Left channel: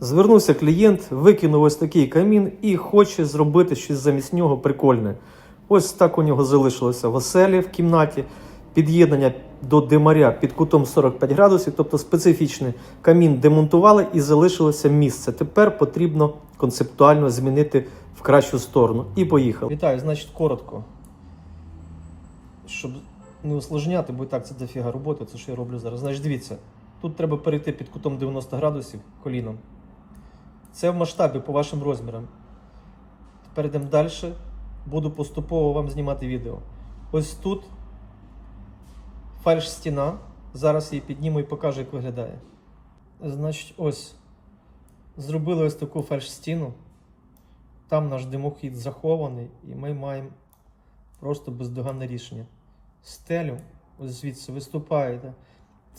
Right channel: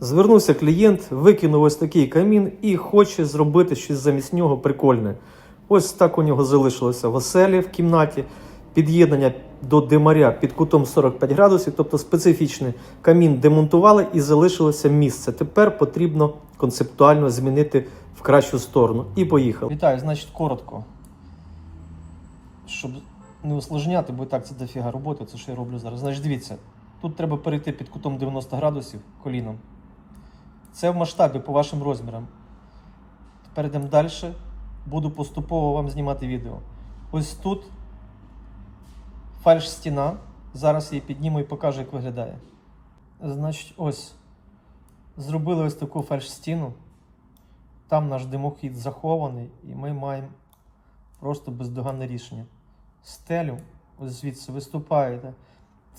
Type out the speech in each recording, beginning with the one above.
Звернувся клієнт, викинув ось такий камін і хоче зробити щось замість нього прикольне. Ось так у нього залишилося в оселі в кімнаті, під'єднання до димаря під кутом 45 градусів, тобто специфічний камін демонтували і залишилося місце. Тепер потрібно концептуально змінити в кращу сторону. І поїхав. Вітаю, значить, коротко. Щоб не усложняти, бо і так це дофіга роботи, це що я роблю зараз. Значить, дивіться, тут треба перейти під кутом 90 градусів коліном. Це в масштабі по вашим розмірам. Тепер йдемо далі. Буду поступово вам знімати відео. Ось тут фальш стіна. Зараз її підніму і покажу, як виглядає. Значить, ось. Зробили ось таку фальш стіну. Там наш димохід захований, і ми маємо просто бездоганне рішення. Стелю, ось звідси виступаєте.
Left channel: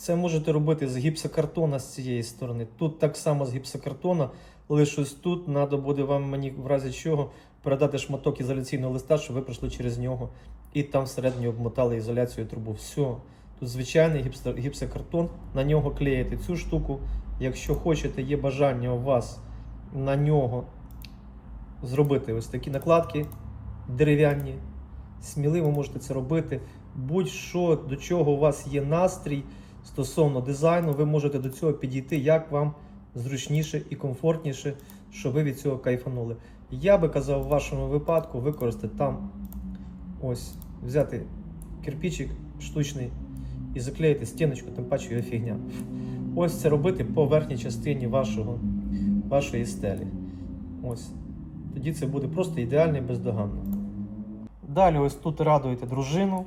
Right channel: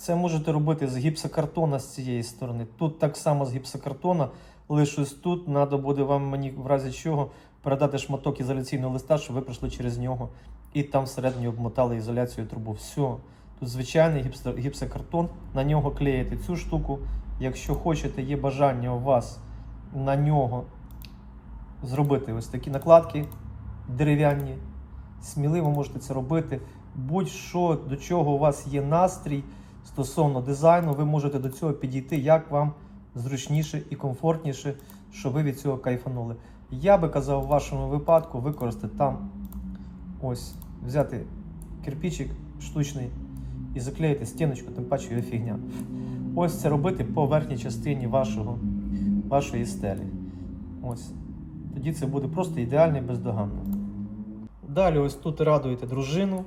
Це можете робити з гіпсокартона з цієї сторони. Тут так само з гіпсокартона, лише ось тут треба буде вам мені в разі чого передати шматок ізоляційного листа, щоб ви пройшли через нього і там всередині обмотали ізоляцію трубу. Все. Тут звичайний гіпсокартон, на нього клеїте цю штуку. Якщо хочете, є бажання у вас на нього зробити ось такі накладки дерев'яні. Сміливо можете це робити. Будь-що, до чого у вас є настрій стосовно дизайну, ви можете до цього підійти, як вам зручніше і комфортніше, щоб ви від цього кайфанули. Я би казав, в вашому випадку використати там ось, взяти кирпичик штучний і заклеїти стіночку, тим паче його фігня. Ось це робити по верхній частині вашого, вашої стелі. Ось. Тоді це буде просто ідеально і бездоганно. Далі ось тут радуєте дружину,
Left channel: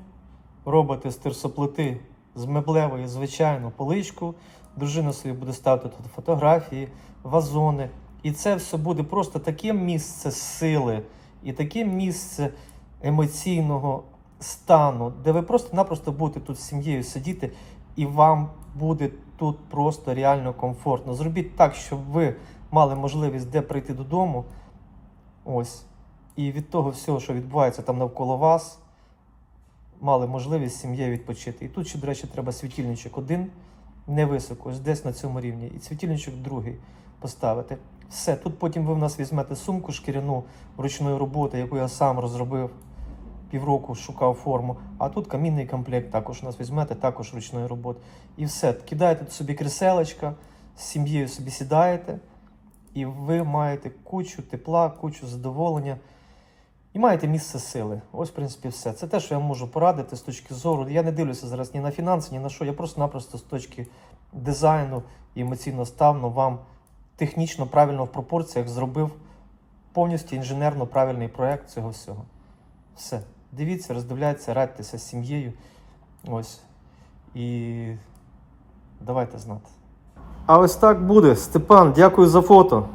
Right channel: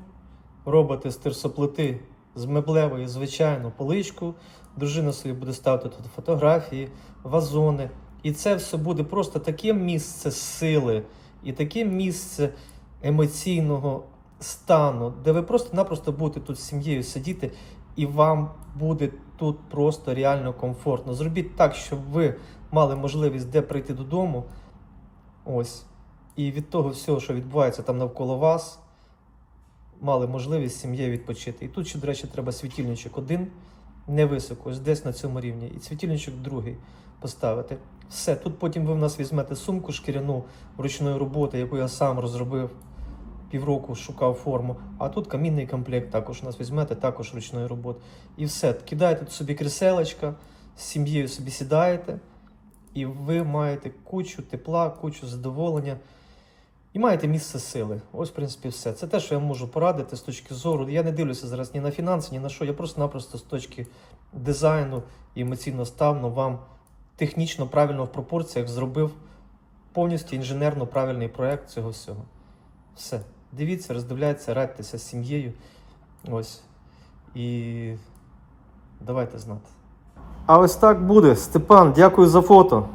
робите з терсоплити з меблевої звичайну поличку. Дружина собі буде ставити тут фотографії, вазони. І це все буде просто таке місце сили і таке місце емоційного стану, де ви просто-напросто будете тут з сім'єю сидіти, і вам буде тут просто реально комфортно. Зробіть так, щоб ви мали можливість де прийти додому. Ось. І від того всього, що відбувається там навколо вас, мали можливість сім'єю відпочити. І тут ще, до речі, треба світильничок один невисоко, ось десь на цьому рівні, і світильничок другий поставити. Все, тут потім ви в нас візьмете сумку шкіряну ручної роботи, яку я сам розробив півроку, шукав форму. А тут камінний комплект також у нас візьмете, також ручної роботи. І все, кидаєте собі кріселечка, з сім'єю собі сідаєте, і ви маєте кучу тепла, кучу задоволення. І маєте місце сили. Ось, в принципі, все. Це те, що я можу порадити з точки зору. Я не дивлюся зараз ні на фінанси, ні на що. Я просто-напросто з точки дизайну і емоційно ставно вам технічно правильно в пропорціях зробив повністю інженерно правильний проект цього всього. Все. Дивіться, роздивляйтеся, радьтеся з сім'єю. Ось. І давайте знати. А ось так буде. Степан, дякую за фото.